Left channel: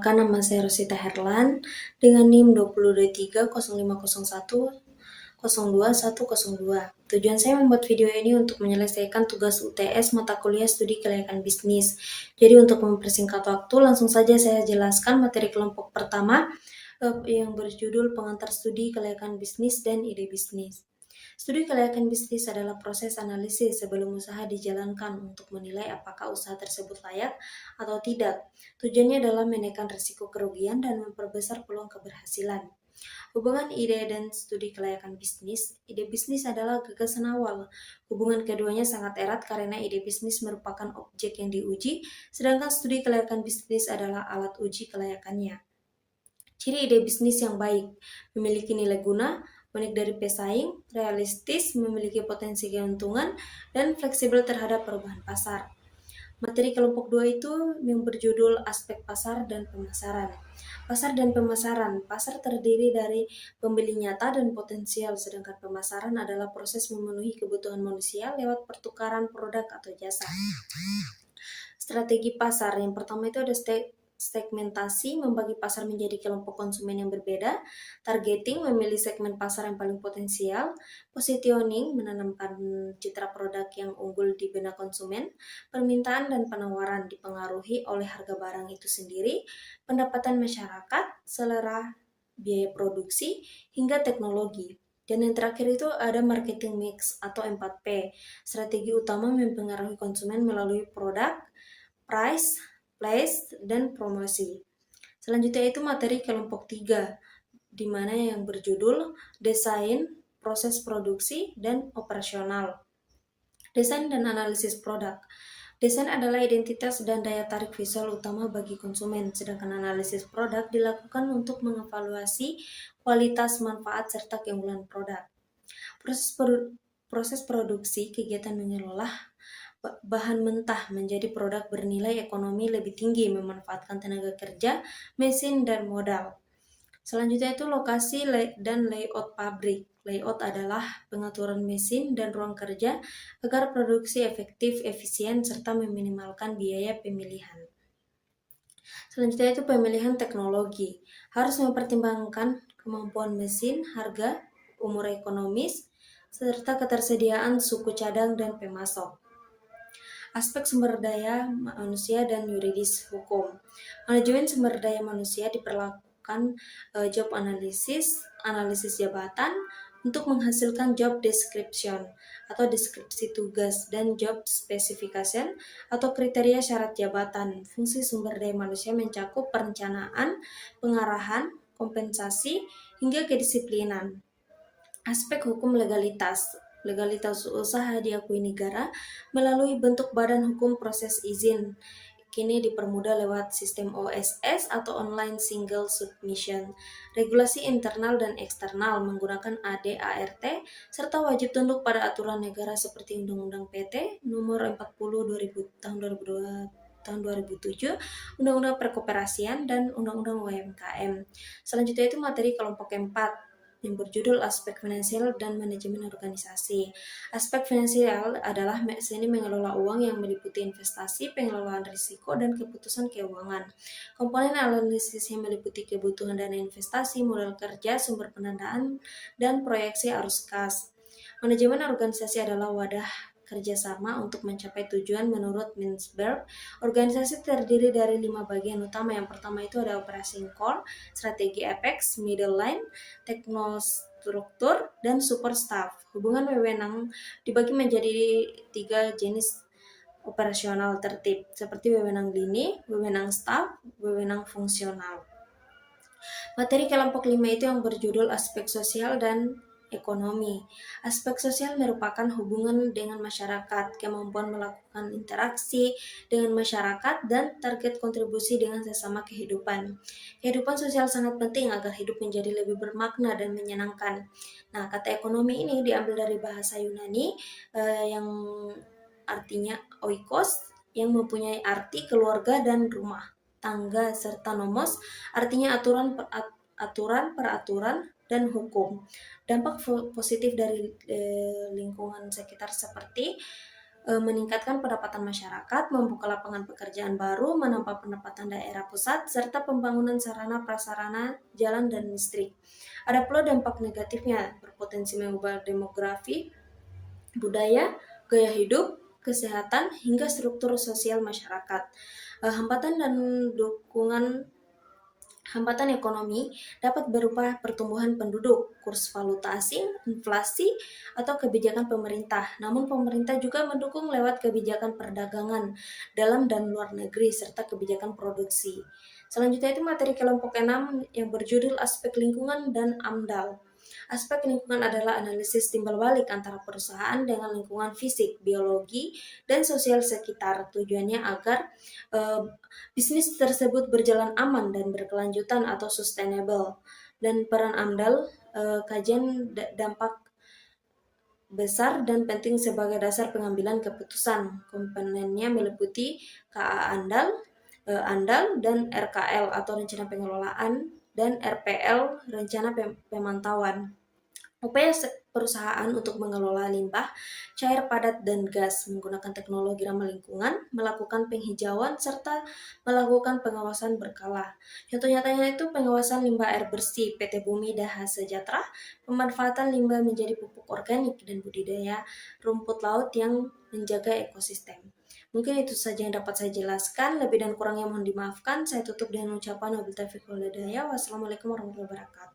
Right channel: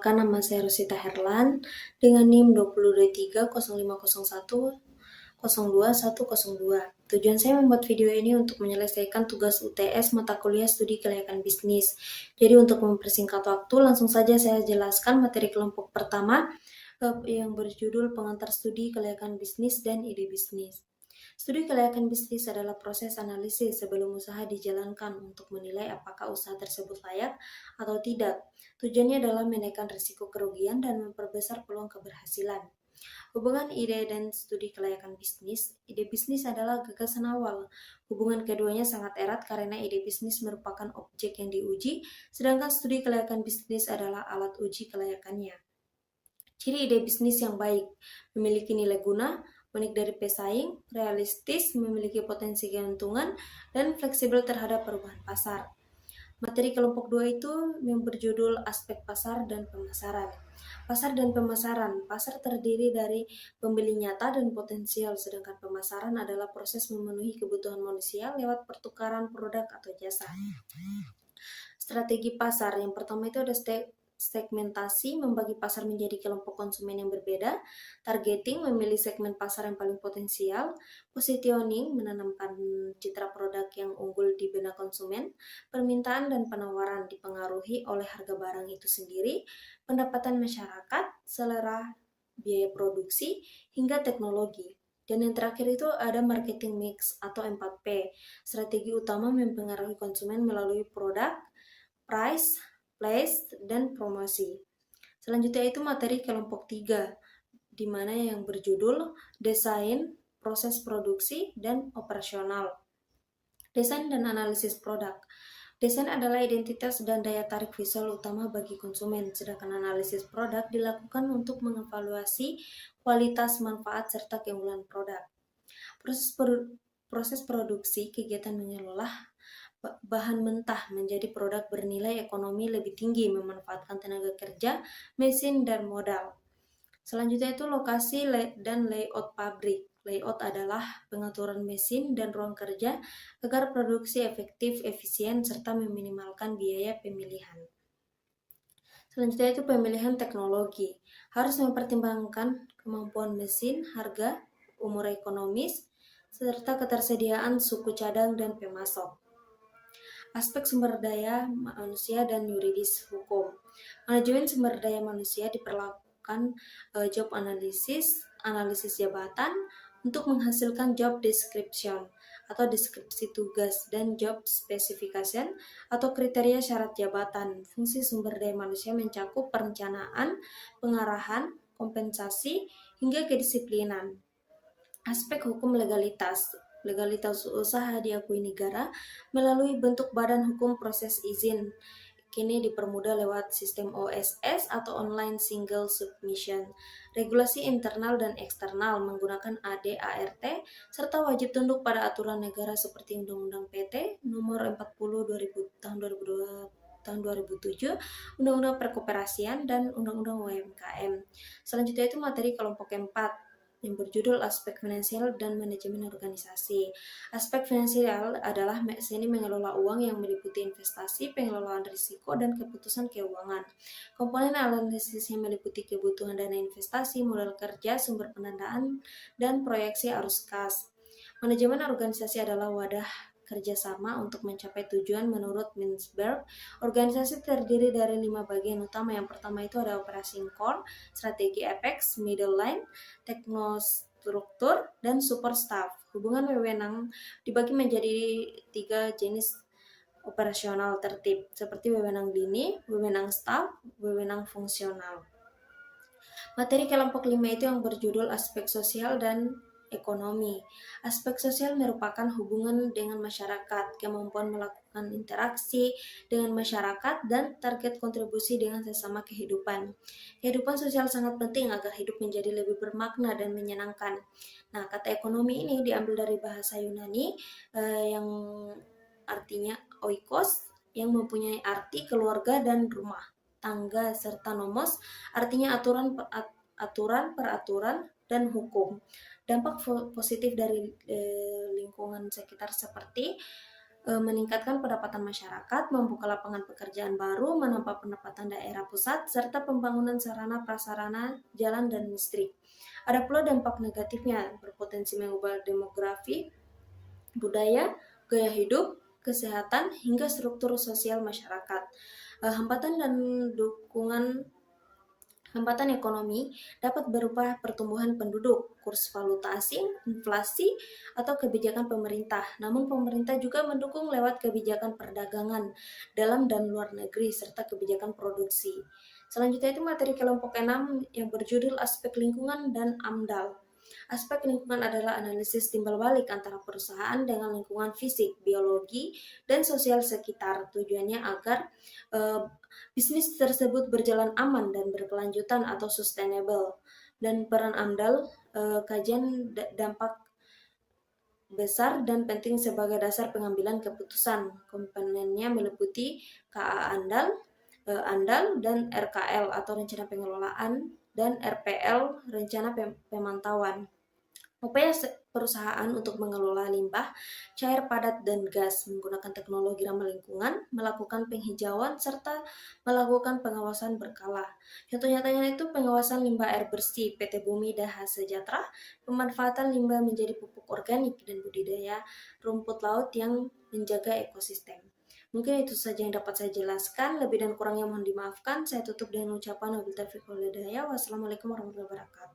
Perkenalkan, nama saya Rosita Herlan dengan NIM 2023 Tujuan saya membuat video ini untuk menyelesaikan tugas UTS mata kuliah studi kelayakan bisnis. Jadi untuk mempersingkat waktu, langsung saja saya jelaskan materi kelompok pertama yang berjudul Pengantar Studi Kelayakan Bisnis dan Ide Bisnis. Studi kelayakan bisnis adalah proses analisis sebelum usaha dijalankan untuk menilai apakah usaha tersebut layak atau tidak. Tujuannya adalah menekan risiko kerugian dan memperbesar peluang keberhasilan. Hubungan ide dan studi kelayakan bisnis. Ide bisnis adalah gagasan awal. Hubungan keduanya sangat erat karena ide bisnis merupakan objek yang diuji, sedangkan studi kelayakan bisnis adalah alat uji kelayakannya. Ciri ide bisnis yang baik, memiliki nilai guna, unik dari pesaing, realistis, memiliki potensi keuntungan, dan fleksibel terhadap perubahan pasar. Materi kelompok 2 itu yang berjudul Aspek Pasar dan Pemasaran. Pasar dan pemasaran. Pasar terdiri dari pembeli nyata dan potensial, sedangkan pemasaran adalah proses memenuhi kebutuhan manusia lewat pertukaran produk atau jasa. Strategi pasar. Yang pertama itu ada segmentasi, membagi pasar menjadi kelompok konsumen yang berbeda. Targeting, memilih segmen pasar yang paling potensial. Positioning, menanamkan citra produk yang unggul di benak konsumen. Permintaan dan penawaran dipengaruhi oleh harga barang itu sendiri, pendapatan masyarakat, selera biaya produksi, hingga teknologi. Dan yang terakhir itu ada marketing mix atau 4P. Strategi utama mempengaruhi konsumen melalui produk, price, place, dan promosi. Selanjutnya itu materi kelompok 3, di mana yang berjudul Desain, Proses Produksi, dan Operasional. Desain dan analisis produk. Desain adalah identitas dan daya tarik visual utama bagi konsumen, sedangkan analisis produk dilakukan untuk mengevaluasi kualitas, manfaat, serta keunggulan produk. Proses produksi, kegiatan mengelola bahan mentah menjadi produk bernilai ekonomi lebih tinggi, memanfaatkan tenaga kerja, mesin, dan modal. Selanjutnya itu lokasi dan layout pabrik. Layout adalah pengaturan mesin dan ruang kerja agar produksi efektif, efisien, serta meminimalkan biaya pemilihan. Selanjutnya itu pemilihan teknologi. Harus mempertimbangkan kemampuan mesin, harga, umur ekonomis, serta ketersediaan suku cadang dan pemasok. Aspek sumber daya manusia dan yuridis hukum. Manajemen sumber daya manusia diperlakukan job analisis jabatan untuk menghasilkan job description atau deskripsi tugas, dan job specification atau kriteria syarat jabatan. Fungsi sumber daya manusia mencakup perencanaan, pengarahan, kompensasi, hingga kedisiplinan. Aspek hukum legalitas. Legalitas usaha diakui negara melalui bentuk badan hukum proses izin. Kini dipermudah lewat sistem OSS atau Online Single Submission. Regulasi internal dan eksternal menggunakan AD/ART serta wajib tunduk pada aturan negara seperti Undang-Undang PT Nomor 40 tahun 2007, Undang-Undang Perkoperasian, dan Undang-Undang UMKM. Selanjutnya itu materi kelompok 4 yang berjudul Aspek Finansial dan Manajemen Organisasi. Aspek finansial adalah seni mengelola uang yang meliputi investasi, pengelolaan risiko, dan keputusan keuangan. Komponen analisisnya meliputi kebutuhan dana investasi, modal kerja, sumber pendanaan, dan proyeksi arus kas. Manajemen organisasi adalah wadah kerjasama untuk mencapai tujuan menurut Mintzberg. Organisasi terdiri dari 5 bagian utama. Yang pertama itu ada operating core, strategi apex, middle line, teknostruktur, dan support staff. Hubungan wewenang dibagi menjadi 3 jenis operasional tertib, seperti wewenang lini, wewenang staff, wewenang fungsional. Materi kelompok 5 itu yang berjudul Aspek Sosial dan Ekonomi. Aspek sosial merupakan hubungan dengan masyarakat, kemampuan melakukan interaksi dengan masyarakat, dan target kontribusi dengan sesama kehidupan. Kehidupan sosial sangat penting agar hidup menjadi lebih bermakna dan menyenangkan. Nah, kata ekonomi ini diambil dari bahasa Yunani yang artinya oikos, yang mempunyai arti keluarga dan rumah tangga, serta nomos artinya aturan, peraturan, dan hukum. Dampak positif dari lingkungan sekitar seperti meningkatkan pendapatan masyarakat, membuka lapangan pekerjaan baru, menambah pendapatan daerah pusat, serta pembangunan sarana prasarana jalan dan listrik. Ada pula dampak negatifnya, berpotensi mengubah demografi, budaya, gaya hidup, kesehatan, hingga struktur sosial masyarakat. Hambatan dan dukungan Hambatan ekonomi dapat berupa pertumbuhan penduduk, kurs valuta asing, inflasi, atau kebijakan pemerintah. Namun pemerintah juga mendukung lewat kebijakan perdagangan dalam dan luar negeri serta kebijakan produksi. Selanjutnya itu materi kelompok 6 yang berjudul aspek lingkungan dan AMDAL. Aspek lingkungan adalah analisis timbal balik antara perusahaan dengan lingkungan fisik, biologi, dan sosial sekitar. Tujuannya agar eh, bisnis tersebut berjalan aman dan berkelanjutan atau sustainable. Dan peran AMDAL, kajian dampak besar dan penting sebagai dasar pengambilan keputusan. Komponennya meliputi KA ANDAL dan RKL atau rencana pengelolaan, dan RPL rencana pemantauan. Upaya perusahaan untuk mengelola limbah, cair padat dan gas menggunakan teknologi ramah lingkungan, melakukan penghijauan, serta melakukan pengawasan berkala. Contoh nyatanya itu pengawasan limbah air bersih PT Bumi Daha Sejahtera, pemanfaatan limbah menjadi pupuk organik, dan budidaya rumput laut yang menjaga ekosistem. Mungkin itu saja yang dapat saya jelaskan. Lebih dan kurangnya mohon dimaafkan. Saya tutup dengan ucapan wabillahi taufiq wal hidayah. Wassalamualaikum warahmatullahi wabarakatuh.